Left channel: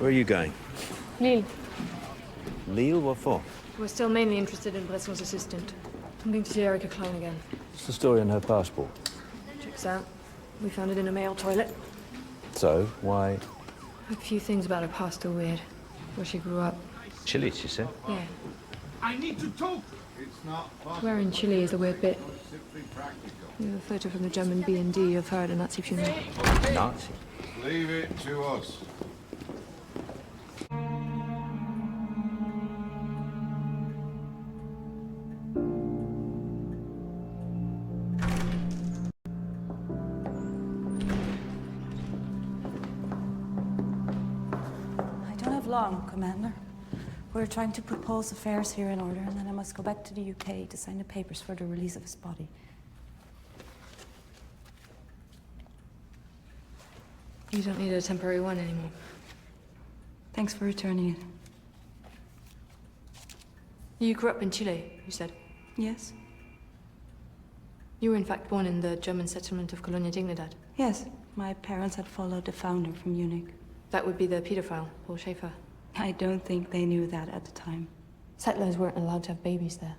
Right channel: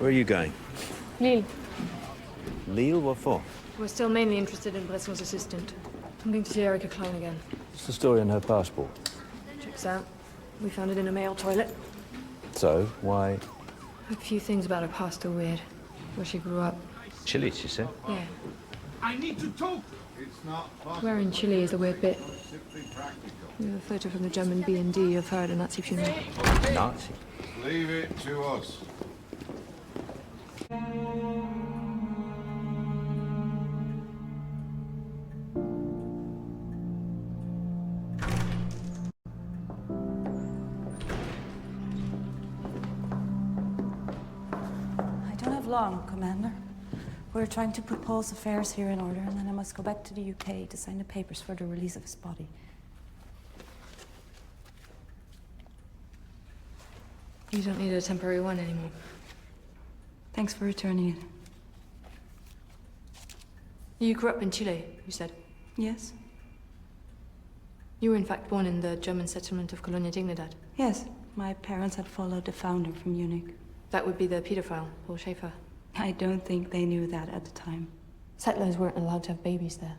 Where are you going? Lille. Lille? What for? We're still mainly interested in Bresson's assistant. I'm going to see Erica Klein again. What's the story on her passport? Checks out. We found it in a male toilet. So, why? A few things about her past are weird. Where she grew up. Chile, she said. Yeah. I need to talk. It's not possible. Where in Chile is the weird bit. Simply practical. We have a photo from the German B&D of her at a Nazi funeral. Nazi? Leave it to us. I don't have long, Commander. We're trying to put Paul's affairs here in order, and then I must go back to the UK to sign the papers for the release of his body. You don't need a temporary one anymore. Thanks for returning it. You grew up in Chile, you said. Yes? You were in fact born in the German settlement of Colonia Dignidad. Yes. My parents had followed the founder from Munich. That would be the pedophile, Paul Schaefer. I don't think they knew that at the time. Settlers weren't allowed to have babies there.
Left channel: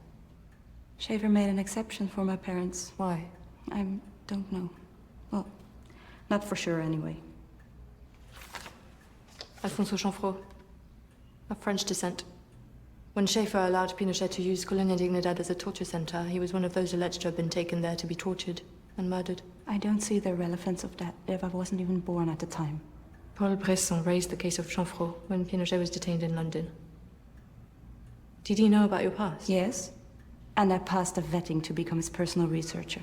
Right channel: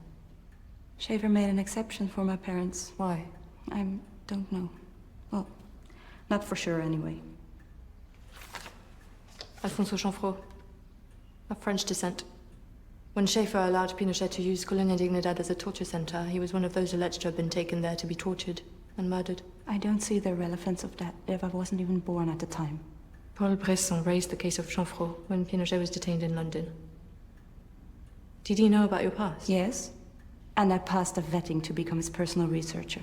Schaefer made an exception for my parents. Why? I don't know. Well, not for sure anyway. Alfonso Chanfrot, of French descent. When Schaefer allowed Pinochet to use Colonia Dignidad as a torture center, he was one of those alleged to have been taken there to be tortured and murdered. I don't see the relevance of that if I wasn't even born at the time. Paul Bresson raised the case of Chanfrot when Pinochet was detained in London. Did he know about your past? Yes. And I passed a vetting to become his personal researcher.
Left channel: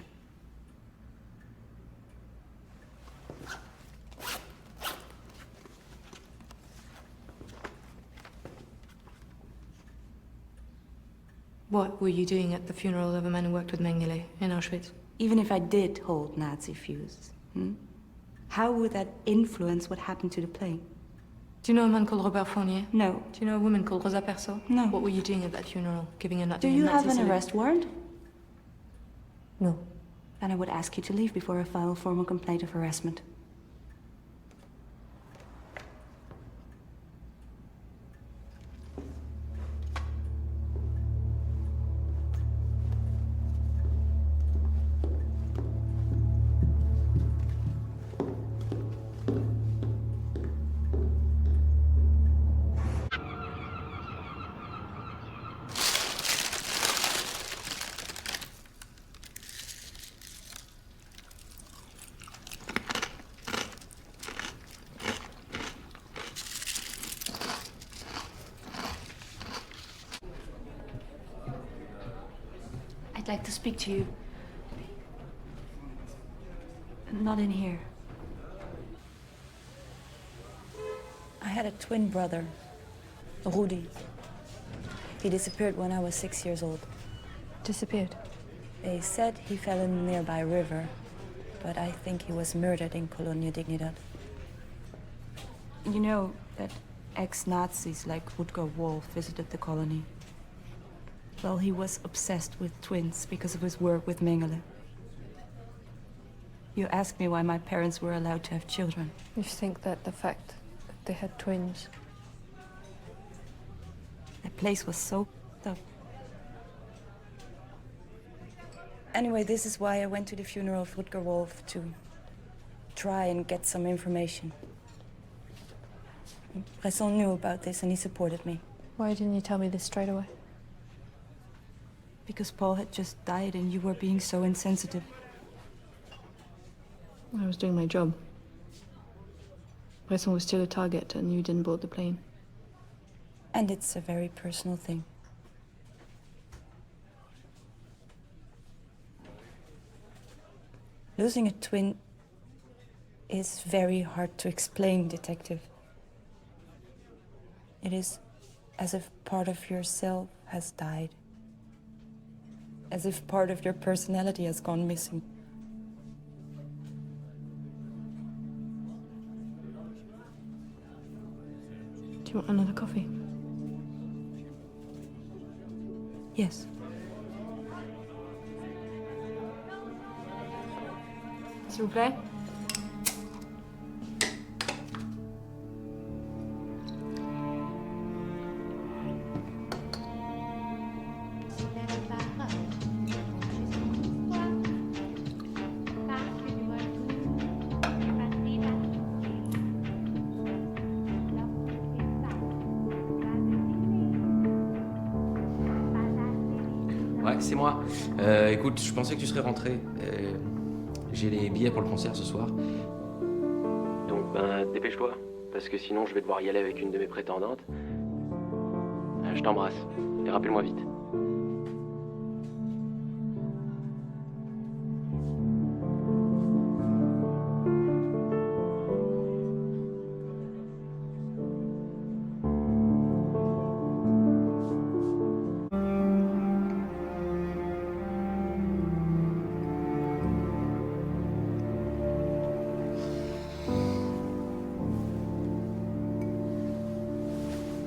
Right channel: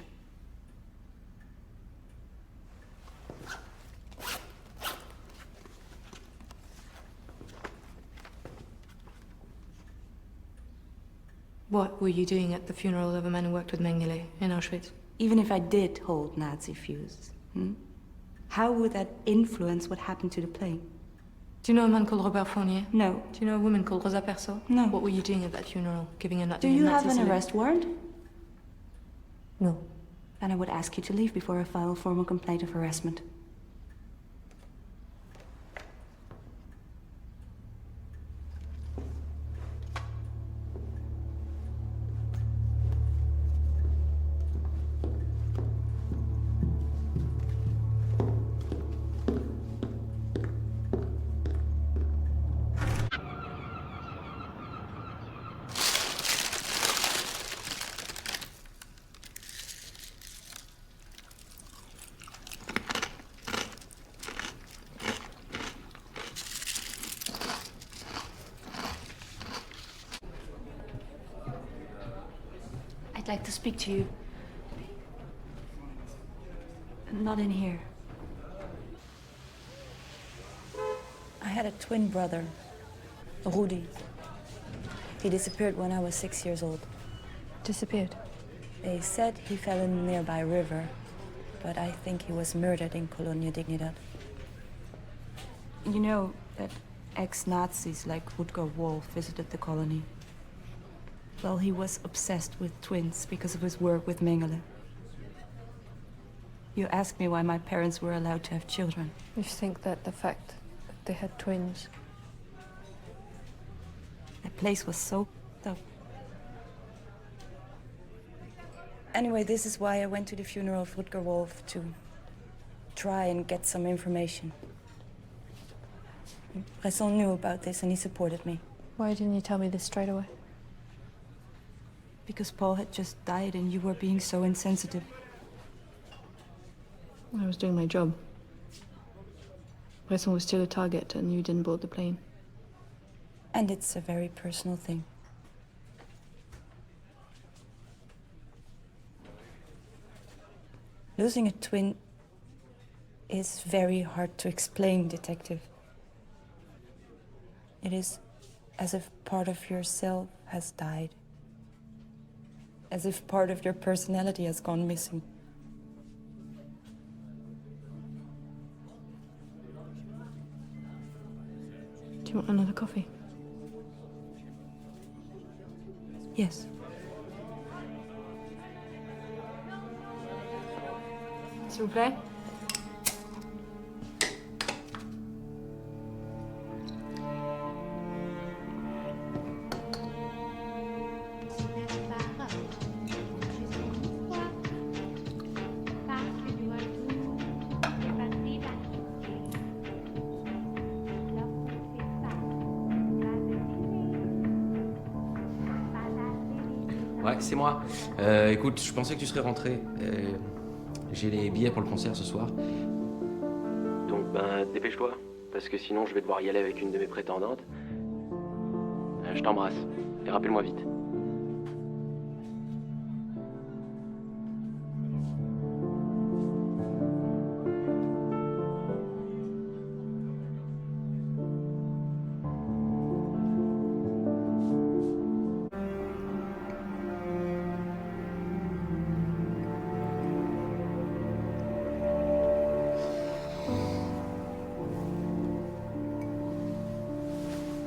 What were you doing at the funeral of a man who worked with Mengele in Auschwitz? Even if I did hold Nazi views, how would that influence what happened to the plane? Do you know a man called Robert Fournier? No. Do you know a woman called Rosa Perso? No. What were you doing at that funeral? Giving a nut Do to a you Nazi have an salute? arrest warrant? No. Then I would ask you to leave before I file a formal complaint of harassment. I'd like to speak to you. Not in here. I had a twin brother, Rudi. He disappeared when I was 6 years old. Disappeared. They said he fell in a nearby river, but I think he was murdered in Colonia Dignidad. You know that ex-Nazis like Rutger Wolf visited the colony. Well, he was obsessed with twins because of his work with Mengele. You asked me why my parents were allowed to have children. You think that the fact that they had twins... That place was so up. Anyway, this is why I went to the funeral of Rutger Wolf to try and get some information. Bresson knew about this and he supported me. Why didn't you tell me this straight away? Because Paul had just died and you were being so insensitive. I was doing my job. Bresson was still a target and you didn't board the plane. And it's a very personal thing. Losing a twin is very hard to explain, Detective. It is as if part of yourself has died. As if part of your personality has gone missing. Do you want another coffee? Yes. S'il vous plaît. Ouais, c'est moi. Écoute, je pensais que tu serais rentré. J'ai les billets pour le concert ce soir. Donc, dépêche-toi. Parce que sinon, je vais devoir y aller avec une de mes prétendantes. Je t'embrasse. Et rappelle-moi vite.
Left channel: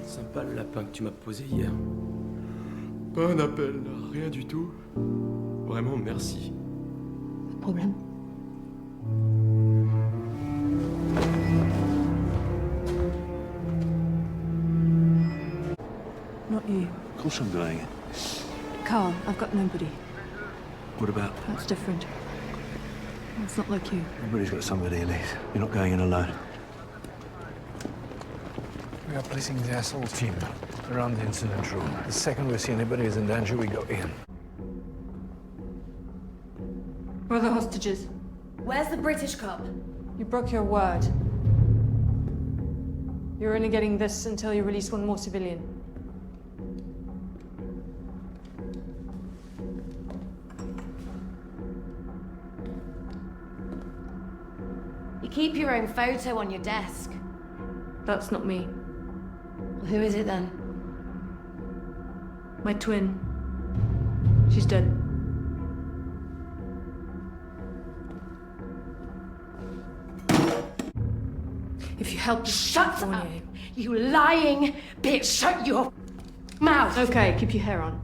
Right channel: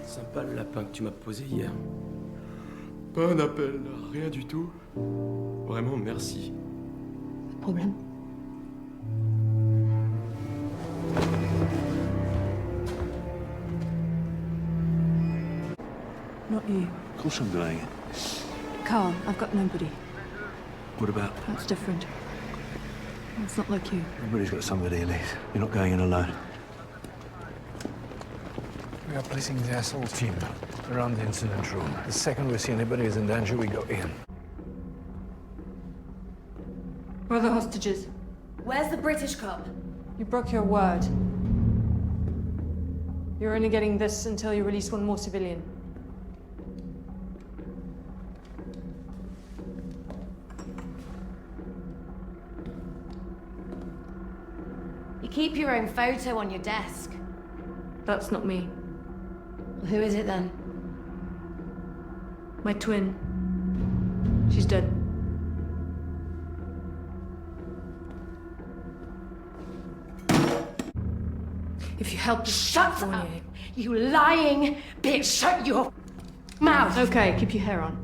Sympa le lapin que tu m'as posé hier. Pas un appel, rien du tout. Vraiment, merci. Pas de problème. Not you. Of course I'm going. Carl, I've got nobody. What about? That's different. It's not like you. Everybody's got somebody, Elise. You're not going in alone. We are placing the assault team around the incident room. The second we see anybody who's in danger, we go in. Where are the hostages? Where's the British cop? You broke your word. You're only getting this until you release one more civilian. You keep your own photo on your desk. That's not me. Who is it then? My twin. She's dead. If you help this Shut Fournier... up! You lying bitch! Shut your mouth! Okay, keep your hair on.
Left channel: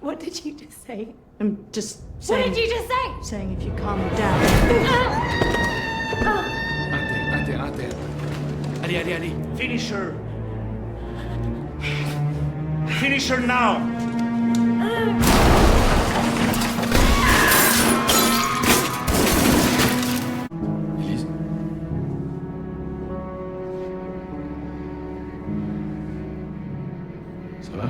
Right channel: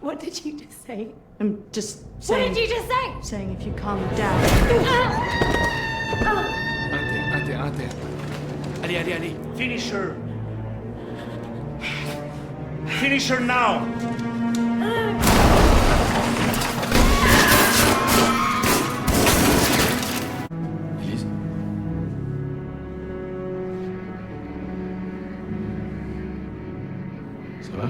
What did you just say? I'm just What saying... did you just say? Saying if you calm down... Inter. Allez. Finish her. Finish her now. Élise? Ça va?